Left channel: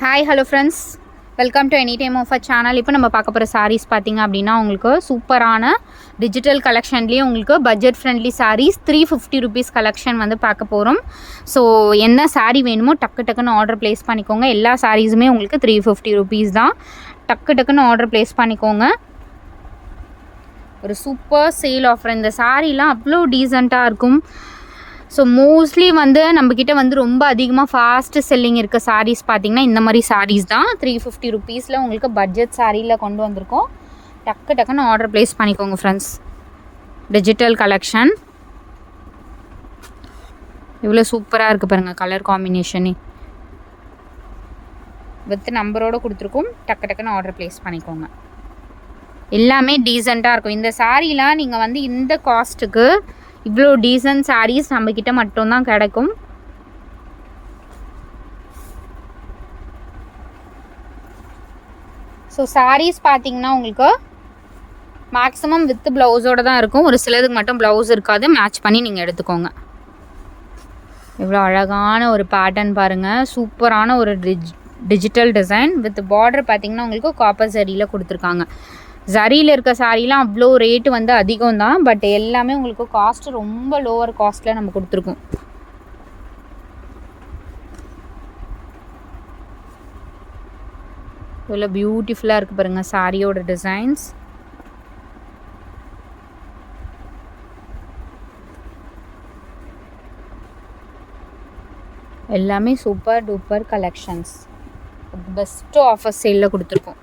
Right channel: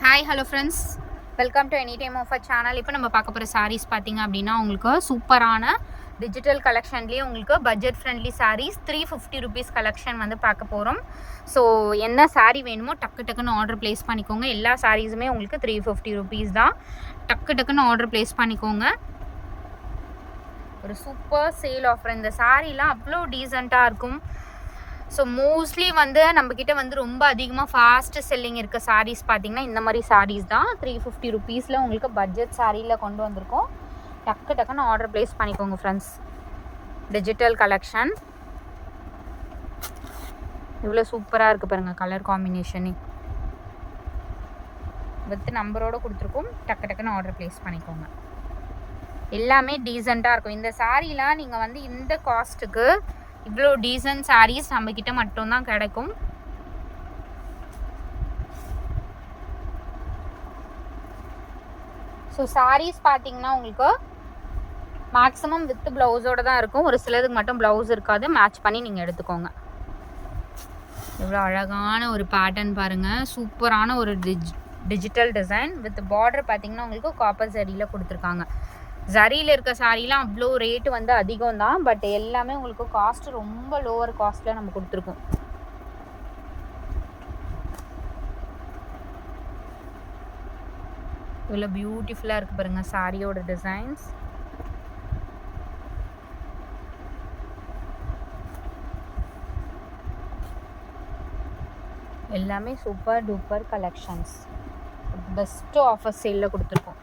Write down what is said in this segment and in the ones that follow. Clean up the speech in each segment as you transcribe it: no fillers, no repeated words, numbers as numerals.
Hi hello friends, welcome to any time of a channel. இப்போ நம்ம பார்க்க போகிற சாரீஸ் பார்த்திங்க அப்படின்னா உங்களுக்கு சூப்பரான டிஜிட்டல் கலெக்ஷன்லேயே உங்களுக்கு budget friendly saris 350 rupees collection வந்து பார்க்க போகிறோம். ஸோ என்ன சாரீ வேணுமோ டக்குன்னு ஆர்டர் ப்ளேஸ் பண்ணிக்கோங்க. எல்லா சாரீஸுமே உங்களுக்கு 350 ருபீஸ் தான். டக்குன்னு ஆர்டர் ப்ளேஸ் பண்ணிக்கோங்க. ஒரு சூப்பர் சேல் ஆஃபர். இந்த சாரீலாம் அவ்வளோ டீசெண்டாக இருக்கும். ஸோ மோஸ்ட்லி வந்து நம்மக்கிட்ட வந்து ரொம்ப அதிகமாக ஃபாஸ்ட்டு செல்லிங் இருக்க சாரீஸ் பார்த்திங்கன்னா இந்த மாதிரி சாரீஸ் தான். 350 ருபீஸில் உங்களுக்கு பட்ஜெட் சாரியில் கொண்டு வந்திருக்கோம். டக்குன்னு ஆர்டர் ப்ளேஸ் பண்ணிக்கோங்க ஃப்ரெண்ட்ஸ். டிஜிட்டல் கலெக்ஷன் இவ்வளோ சூப்பராக இருக்குது பாருங்கள். கலர் காம்பினேஷனே வித் நம்பரோடு கொடுத்துருக்கோம். டக்குன்னு ஆர்டர் ப்ளேஸ் பண்ணிக்கோங்க. எல்லாமே டீசெண்டாக இருக்கும். இந்த சாரீலாம் நீங்கள் வந்து இந்த காஸ்ட்டுக்கு இவ்வளோ டீசன்ட் சாரீஸ் நம்மக்கிட்ட மட்டும்தான் கிடைக்கும். ஸோ சாரீஸ் பார்த்தீங்கன்னா உங்களுக்கு மேக்ஸிமம் வித் ப்ளவுஸோடு தான் இருக்கும். ஒரு சிலதுக்கு மட்டும் ப்ளவுஸ் இருக்காது. மேட்ச் பண்ணி நீங்கள் எடுத்துக்கோங்க. இவ்வளோ அழகான ஒரு பேட்டர்ன் பாருங்கள். சூப்பரான ஒரு டிஜிட்டல் டிசைன் வித் பார்டர் பார்த்தீங்கன்னா உங்களுக்கு காப்பர் சரியில் கொடுத்துருக்காங்க. ஜரியில் இருக்க சாரீலாம் அவ்வளோ ரேட்டு வந்து அதிகம் தான். பட் எல்லாமே உங்களுக்கு காஸ்ட்டு ரொம்ப லோவர் காஸ்ட்டில் நம்ம கொடுத்துருக்கோம். இவ்வளோ பியூட்டிஃபுல்லாக இருக்குது பாருங்கள் சாரியோட டிசைன்ஸ். எல்லாமே super duper collections. Best offer சேலில் கொடுத்துருக்கோம்.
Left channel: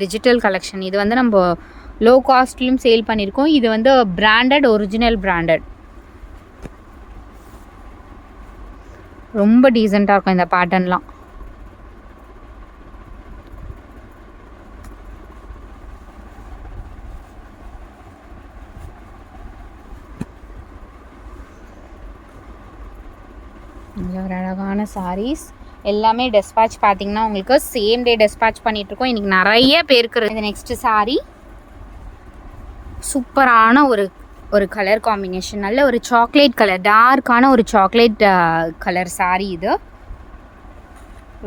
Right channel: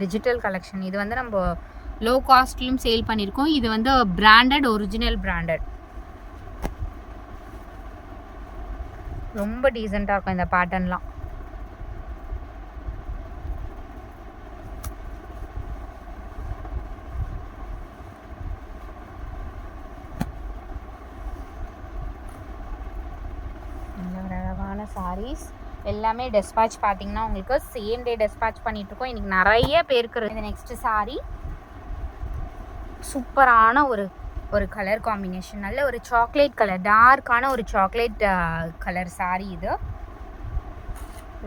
டிஜிட்டல் கலெக்ஷன் இது வந்து நம்ம லோ காஸ்ட்லையும் சேல் பண்ணியிருக்கோம். இது வந்து பிராண்டட், ஒரிஜினல் பிராண்டட். ரொம்ப டீசெண்டாக இருக்கும் இந்த பேட்டர்ன்லாம். ஒரு அழகான சாரீஸ் எல்லாமே டெஸ்பேட்ச் பார்த்தீங்கன்னா உங்களுக்கு சேம் டே டெஸ்பேட்ச் பண்ணிகிட்ருக்கோம். இன்றைக்கி நிறைய பேருக்கு இது நெக்ஸ்ட்டு சாரீ சூப்பரான ஒரு கலர் காம்பினேஷன். நல்ல ஒரு சாக்லேட் கலர், டார்க்கான ஒரு சாக்லேட் கலர் சாரீ. இது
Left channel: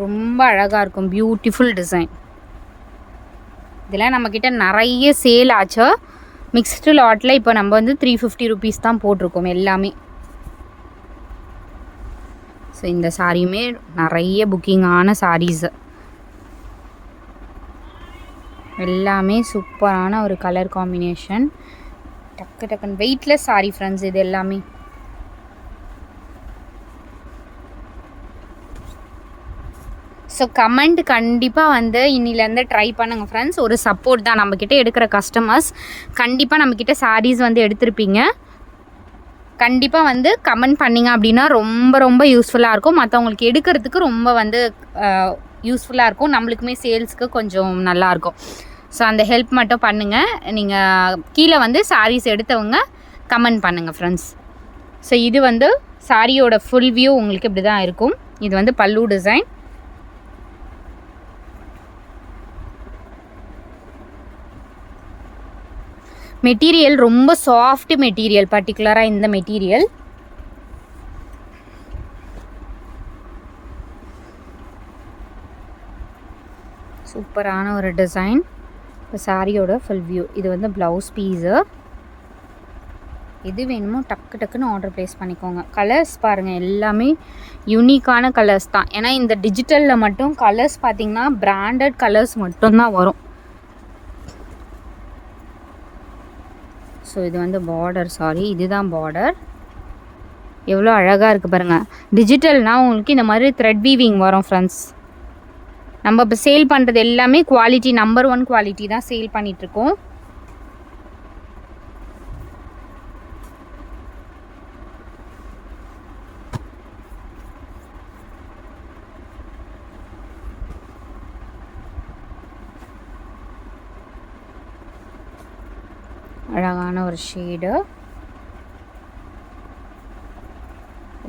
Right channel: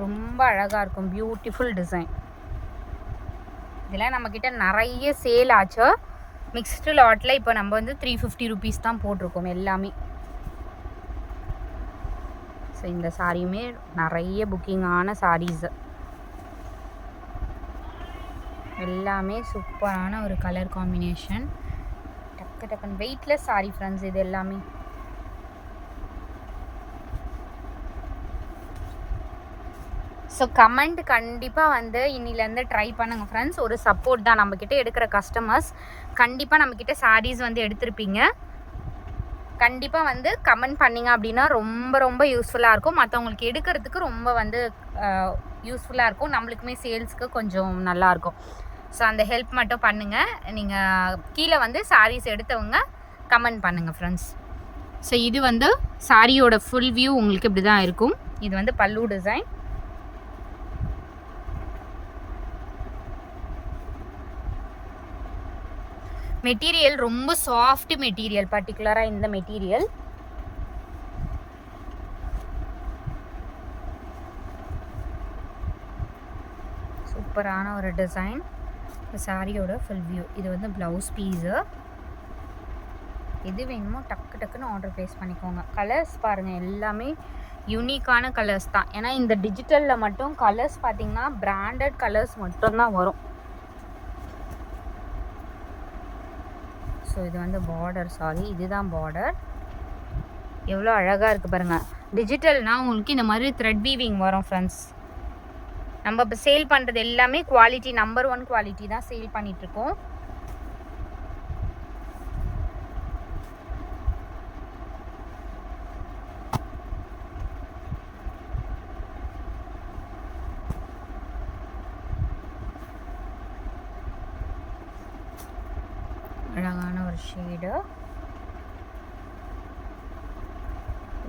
ரொம்ப அழகாக இருக்கும். Beautiful design. இதெல்லாம் நம்மக்கிட்ட நிறைய சேல் ஆச்சு. மிக்ஸ்டு லாட்டில் இப்போ நம்ம வந்து 350 ருபீஸ் தான் போட்டிருக்கோம் எல்லாமே. ஸோ இந்த சாரியுமே நிறைய புக்கிங்கான சாரீஸு. எல்லாமே சூப்பரான ஒரு கலர் காம்பினேஷன். டக்குன்னு வெயிட்லெஸ் சாரி ஃப்ரெண்ட்ஸ் இது எல்லாமே. ஸோ கமெண்ட் கண்டிப்பாக வந்து இன்னிலேருந்து ட்ரை பண்ணுங்கள் ஃப்ரெண்ட்ஸ். ஒரு சப்போர்ட் தான். நம்மக்கிட்ட எடுக்கிற கஸ்டமர்ஸ் கண்டிப்பாக நம்மக்கிட்ட சாரீஸ் வந்து எடுத்திருப்பீங்க. கண்டிப்பாக வந்து கமெண்ட் பண்ணிங்க அப்படின்னா ரொம்ப யூஸ்ஃபுல்லாக இருக்கும். மற்றவங்களுக்கு எடுக்கிறதுக்கு ரொம்ப வந்து யூஸ்ஃபுல்லாக இருக்கும். நம்மளுக்குமே சேல்ஸுக்கு கொஞ்சம் நல்லாயிருக்கும். ஸோ அந்த ஹெல்ப் மட்டும் பண்ணுங்கள். நீங்கள் கீழே வந்து சாரீஸ் எடுத்தவங்க கமெண்ட் பண்ணுங்கள் ஃப்ரெண்ட்ஸ். ஸோ இது வந்து சாரியோட ஃபுல் வியூ உங்களுக்கு இப்படி தான் இருக்கும். இது வந்து பல்லு டிசைன். மெட்டீரியல் ரொம்ப சாஃப்ட் மெட்டீரியல், பர்டிகுலராக இந்த மெட்டீரியல். சூப்பரான ஒரு டிசைன். சாரியோட ஃபுல் வியூ. இது வந்து ப்ளவுஸ் பீஸு. எது வேணுமோ டக்குன்னு ஆர்டர் ப்ளேஸ் பண்ணிக்கோங்க. கலர்ஸ் பாருங்கள் எல்லாமே யூனிக்கான கலர்ஸ் தான். ஏன்னா இந்த டிஜிட்டலில் மட்டும் கலர்ஸ் பார்த்திங்கன்னா பிராண்டட் கலர்ஸ் மட்டும்தான் வரும். ஸோ இது வந்து பார்டர், சாரி இதுதான் பார்டர். எவ்வளோ அழகாக இருக்குது பாருங்கள். டிஜிட்டல்னால் உங்களுக்கு இந்த மாதிரி த்ரெட் வீவிங் வரும் ஃப்ரெண்ட்ஸ். நம்ம இப்போ சேல் பண்ணுறது எல்லாமே குவாலிட்டி, நம்பர் 1 குவாலிட்டி தான் சேல் பண்ணிகிட்ருக்கோம். அழகான ஒரு ஷேடு.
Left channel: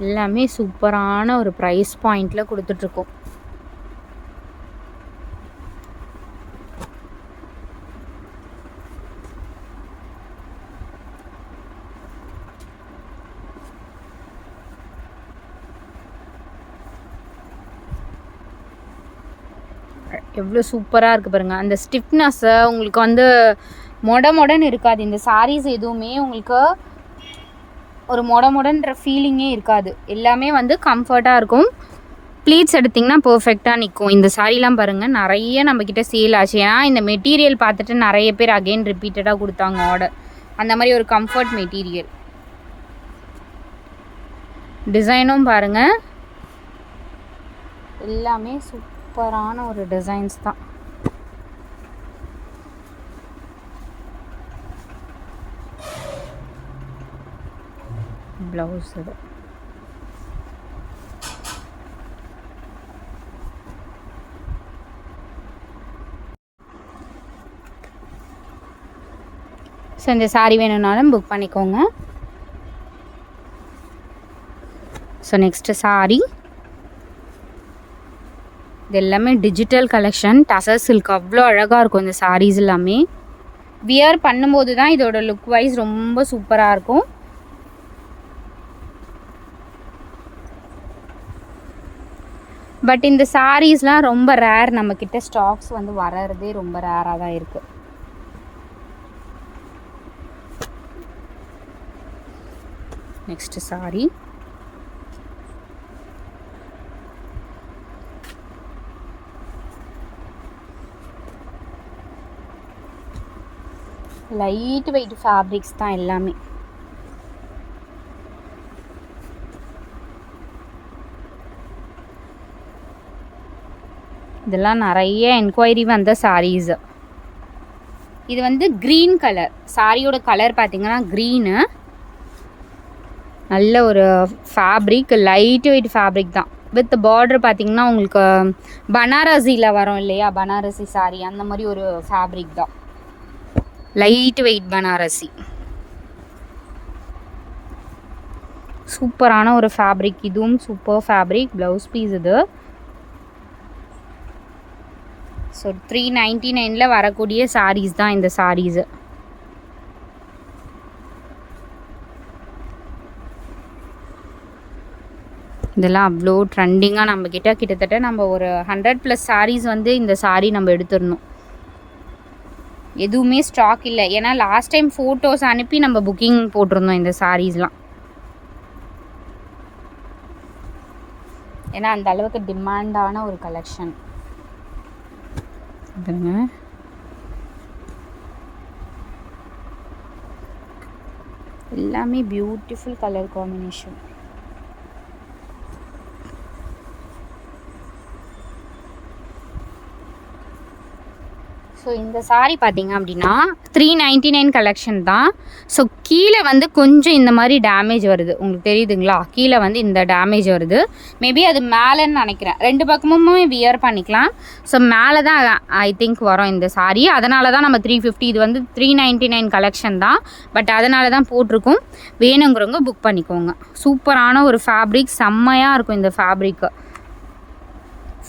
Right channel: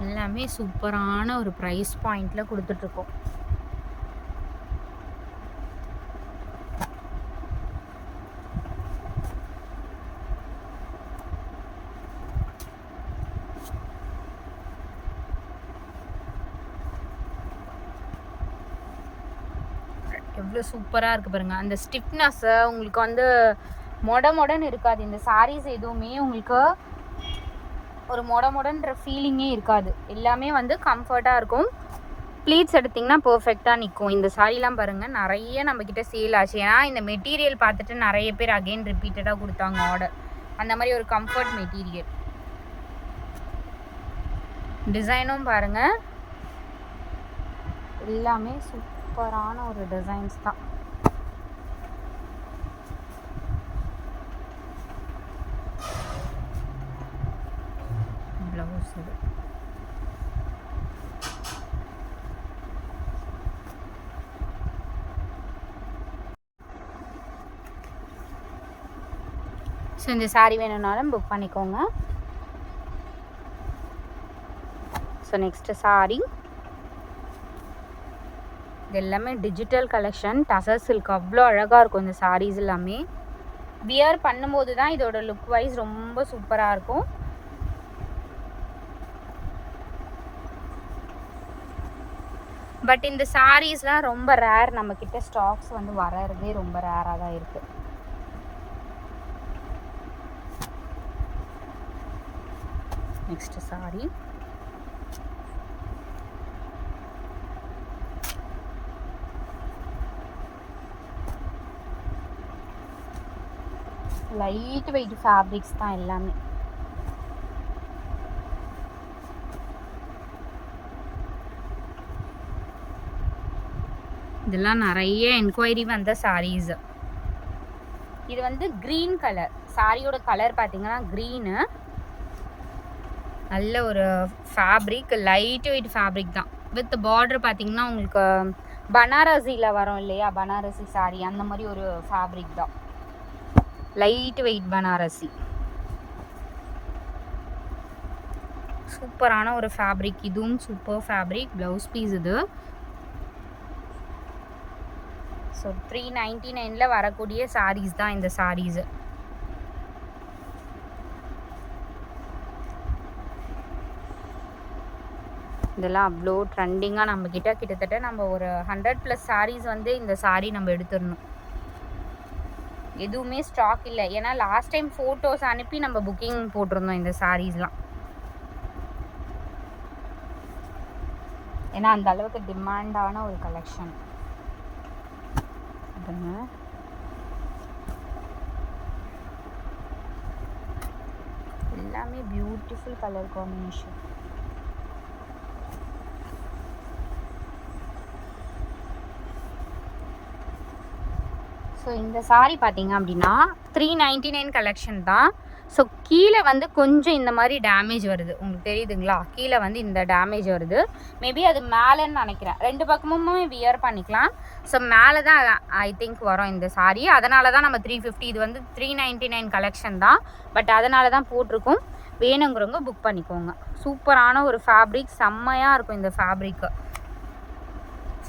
எல்லாமே சூப்பரான ஒரு ப்ரைஸ் பாயிண்டில் கொடுத்துட்ருக்கோம். எவ்வளோ சூப்பராக இருக்குது பாருங்கள். அந்த ஸ்டிஃப்னஸ்ஸை உங்களுக்கு வந்து மொடன்னு இருக்காது. இந்த சாரீஸ் எதுவுமே உங்களுக்கு ஒரு மொடன்ற ஃபீலிங்கே இருக்காது. எல்லாமே வந்து கம்ஃபர்ட்டாக இருக்கும். ப்ளீட்ஸ் எடுத்திங்கன்னா பர்ஃபெக்டாக நிற்கும். இந்த சாரீலாம் பாருங்கள் நிறைய நம்மக்கிட்ட சேல் ஆச்சு. ஏன்னா இந்த மெட்டீரியல் பார்த்துட்டு நிறைய பேர் அகெயின் ரிப்பீட்டடாக கொடுத்தாங்க ஆர்டர். அந்த மாதிரி ஒரு கம்ஃபர்ட் மெட்டீரியல். டிசைனும் பாருங்கள் எல்லாமே சூப்பரான ஒரு டிசைன்ஸ் தான். ப்ளவுஸ் இது ஸோ இந்த சாரீ வேணும்னாலும் புக் பண்ணிக்கோங்க. ஸோ நெக்ஸ்ட்டு சாரீ இது எல்லாமே டிஜிட்டல் கலெக்ஷன். டசர் சில்க் அவ்வளோ அழகாக இருக்கும் இந்த சாரீஸ் எல்லாமே. வியர் பண்ணும்போது தான் இதோட லுக் வைஸ் ரொம்ப சூப்பராக இருக்கும். பட் இந்த சாரீஸ்லாம் ரொம்ப ரேர். நம்மக்கிட்ட ஸ்டாக்ஸ் வந்து வர்றதே ரொம்ப ரேராக தான் இருக்குது. Next sari light weight fabrics தான் எல்லாமே. இதெல்லாம் நிறைய என்கொயரி வந்த சாரீஸ். இது வந்து க்ரீன் கலர். சாரியோட கலர் பார்த்தீங்கன்னா க்ரீனு. நல்ல ஒரு ஃபேப்ரிக், லைட் வெயிட் ஃபேப்ரிக் தான். வித் பார்டர் பார்த்தீங்கன்னா உங்களுக்கு பனாரசியில் வரும் இல்லையா, பனாரசி சாரீ அந்த மாதிரி ஒரு ஃபேப்ரிக் தான். Light weight Banarasi. சூப்பரான ஒரு ஃபேப்ரிக். இதுவும் சூப்பர் ஃபேப்ரிக். ப்ளவுஸ் பீஸ் இது. ஸோ 399 வரக்கூடிய சாரீஸ் தான் இந்த சாரீஸு. இதெல்லாம் அவ்வளோ ட்ரெண்டிங்காக நம்மக்கிட்ட கிட்டத்தட்ட நம்ம ஒரு 100+ சாரீஸ் வந்து இந்த சாரீ நம்ம எடுத்துடணும். எதுவுமே ஸ்டாக் இல்லை. ஏன்னா லாஸ்ட் டைம் ஃபோட்டோஸ் அனுப்பி நம்ம புக்கிங் போட்டிருந்தோம் இந்த சாரீஸ்லாம். ஏன்னா அந்த அளவுக்கு டிமாண்டான ஒரு கலெக்ஷன். எல்லாமே பியூட்டிஃபுல் கலர் காம்பினேஷன். ஸோ இந்த சாரீ பார்த்தீங்க அப்படின்னா 399 கலெக்ஷன் தான். ஸோ கீழே வந்து கொஞ்சம் இந்த மாதிரி டேமேஜ் வருது. உங்களுக்கு தெரியுதுங்களா, கீழே வந்து இந்த டேமேஜ் வருது. மேபி அது மேலேன்னு நினைக்கிறேன். ரெண்டு பக்கமுமே வியர் பண்ணிக்கலாம். ஸோ மேலே தான் ஐ திங்க் வரும் இந்த சாரீ. அதனால தான் நம்ம 350. இது வந்து 399 கலெக்ஷன் தான். பட் அதனால தான் போட்டிருக்கோம். வேணுங்கிறவங்க புக் பண்ணிக்கோங்க. சூப்பரான ஒரு ஃபேப்ரிக். செம்மையாக இருக்கும் இந்த ஃபேப்ரிக்கு.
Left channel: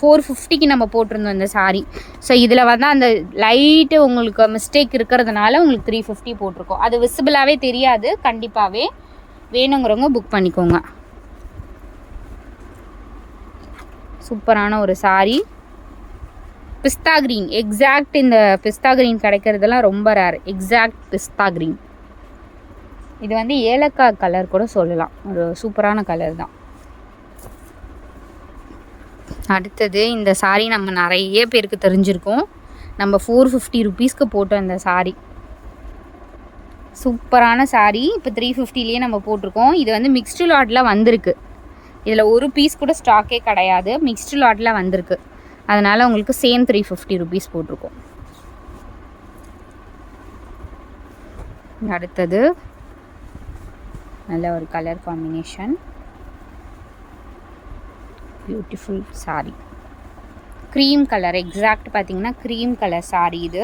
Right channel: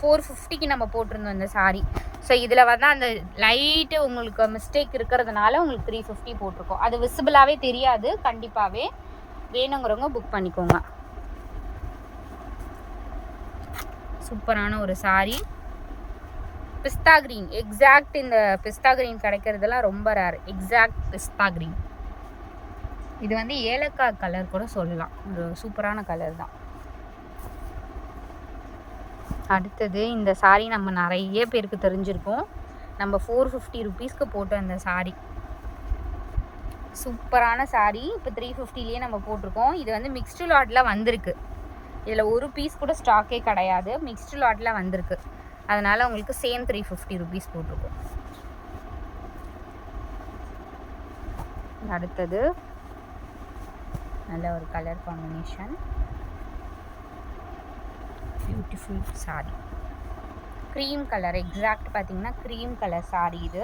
450க்கு நம்ம போட்டிருந்தோம் இந்த சாரீ. ஸோ இதில் வந்து அந்த லைட்டு உங்களுக்கு மிஸ்டேக் இருக்கிறதுனால உங்களுக்கு 350 போட்டிருக்கோம். அது விசிபிளாகவே தெரியாது. கண்டிப்பாகவே வேணுங்கிறவங்க புக் பண்ணிக்கோங்க. சூப்பரான ஒரு சாரீ. பிஸ்தா க்ரீன். எக்ஸாக்ட் இந்த பிஸ்தா க்ரீன் கிடைக்கிறதுலாம் ரொம்ப ரேர். எக்ஸாக்ட் பிஸ்தா க்ரீன். இது வந்து ஏலக்காய் கலர் கூட சொல்லலாம். ஒரு சூப்பரான கலர் தான். அடுத்தது இந்த சாரீ நம்ம நிறைய பேருக்கு தெரிஞ்சிருக்கோம். நம்ம 450 ருபீஸ்க்கு போட்டோம் இந்த சாரீ. சூப்பரான சாரீ. இப்போ 350லேயே நம்ம போட்டிருக்கோம். இது வந்து மிக்ஸ்டு லாட்டில் வந்திருக்கு. இதில் ஒரு பீஸ் கூட ஸ்டாக்கே கிடையாது. மிக்ஸ்டு லாட்டில் வந்திருக்கு. அதனால் உங்களுக்கு சேம் 350 ருபீஸ் போட்டிருக்கோம். அடுத்தது நல்ல ஒரு colour combination. Beautiful sari. Cream colour. Exact பார்த்தீங்கன்னா க்ரீம் கலர் சாரீ இது.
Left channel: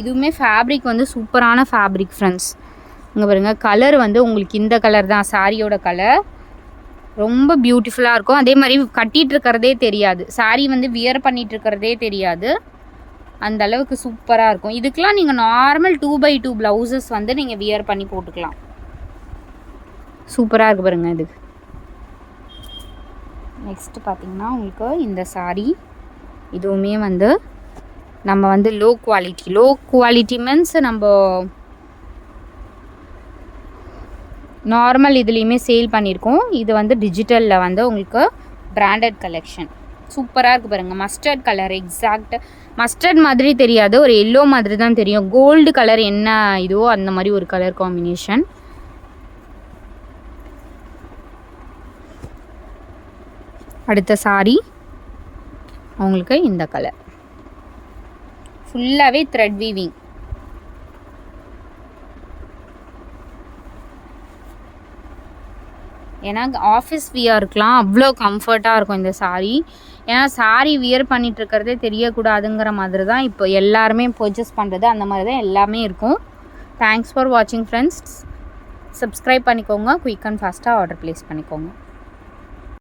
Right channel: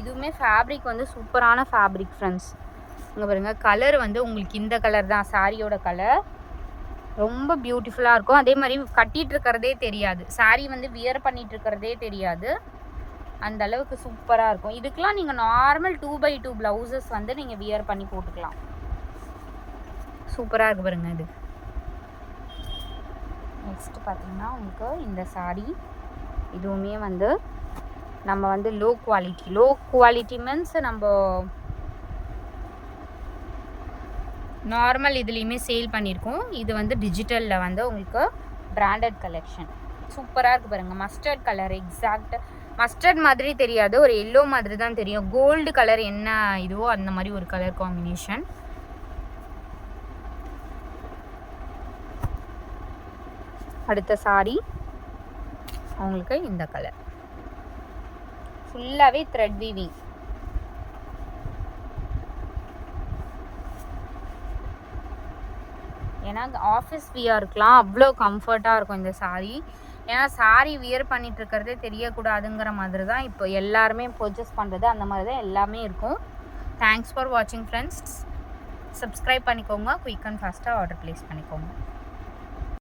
இதுவுமே ஃபேப்ரிக் வந்து சூப்பரான ஃபேப்ரிக் ஃப்ரெண்ட்ஸ். இங்கே பாருங்கள், கலர் வந்து உங்களுக்கு இந்த கலர் தான் சாரியோட கலர். ரொம்ப பியூட்டிஃபுல்லாக இருக்கும். அதே மாதிரி கட்டிகிட்டு இருக்கிறதே தெரியாது. சாரீ வந்து வியர் பண்ணிகிட்டு இருக்கிறதே தெரியாது. அந்த அளவுக்கு சூப்பராக இருக்கும். இதுக்கெலாம் நீங்கள் நார்மல் 2x2 ப்ளவுசஸ் வந்து நீங்கள் வியர் பண்ணி போட்டுக்கலாம். சூப்பராக இருக்குது பாருங்கள் இது. நெக்ஸ்ட்டு பார்த்திங்கன்னா உங்களுக்கு இந்த சாரீ இதுவுமே வந்து நம்ம வந்து லோ குவாலிட்டி மீன்ஸ் நம்ம நார்மல் இதுலேயுமே சேல் பண்ணியிருக்கோம். இது வந்து டிஜிட்டலில் வந்து உங்களுக்கு பிராண்டட் கலெக்ஷன் சூப்பராக இருக்குது பாருங்கள். மஸ்டர்ட் கலர், எக்ஸாக்ட் மஸ்டர்ட் மாதிரி தெரியாது, ஒரு எல்லோ மாதிரி தான் தெரியும். கோல்டு கலர் என்ன இதுவோ அந்த மாதிரி ஒரு கலர் காம்பினேஷன். அடுத்த சாரி உங்களுக்கு இந்த கலர் ஃபுல்லாகவே த்ரெட் வீவிங். ஏன்னா ஆஃபீஸ் வியருக்குலாம் அவ்வளோ கம்ஃபர்ட்டாக இருக்கும் இந்த சாரீ. ஏன்னா சாரீ வியர் பண்ணிகிட்டு இருக்கிறதே தெரியக்கூடாதுங்கிற மாதிரி தான் இப்போ எல்லாருமே பர்ச்சேஸ் பண்ணுறது, அந்த மாதிரி தான் எல்லாமே இருக்கும். தேங்க்ஸ் ஃபார் வாட்சிங் ஃப்ரெண்ட்ஸ். சப்ஸ்கிரைப் பண்ணிக்கோங்க, குயிக் அண்ட் ஃபாஸ்ட்டாக ஆர்டர் ப்ளேஸ் பண்ணிக்கோங்க.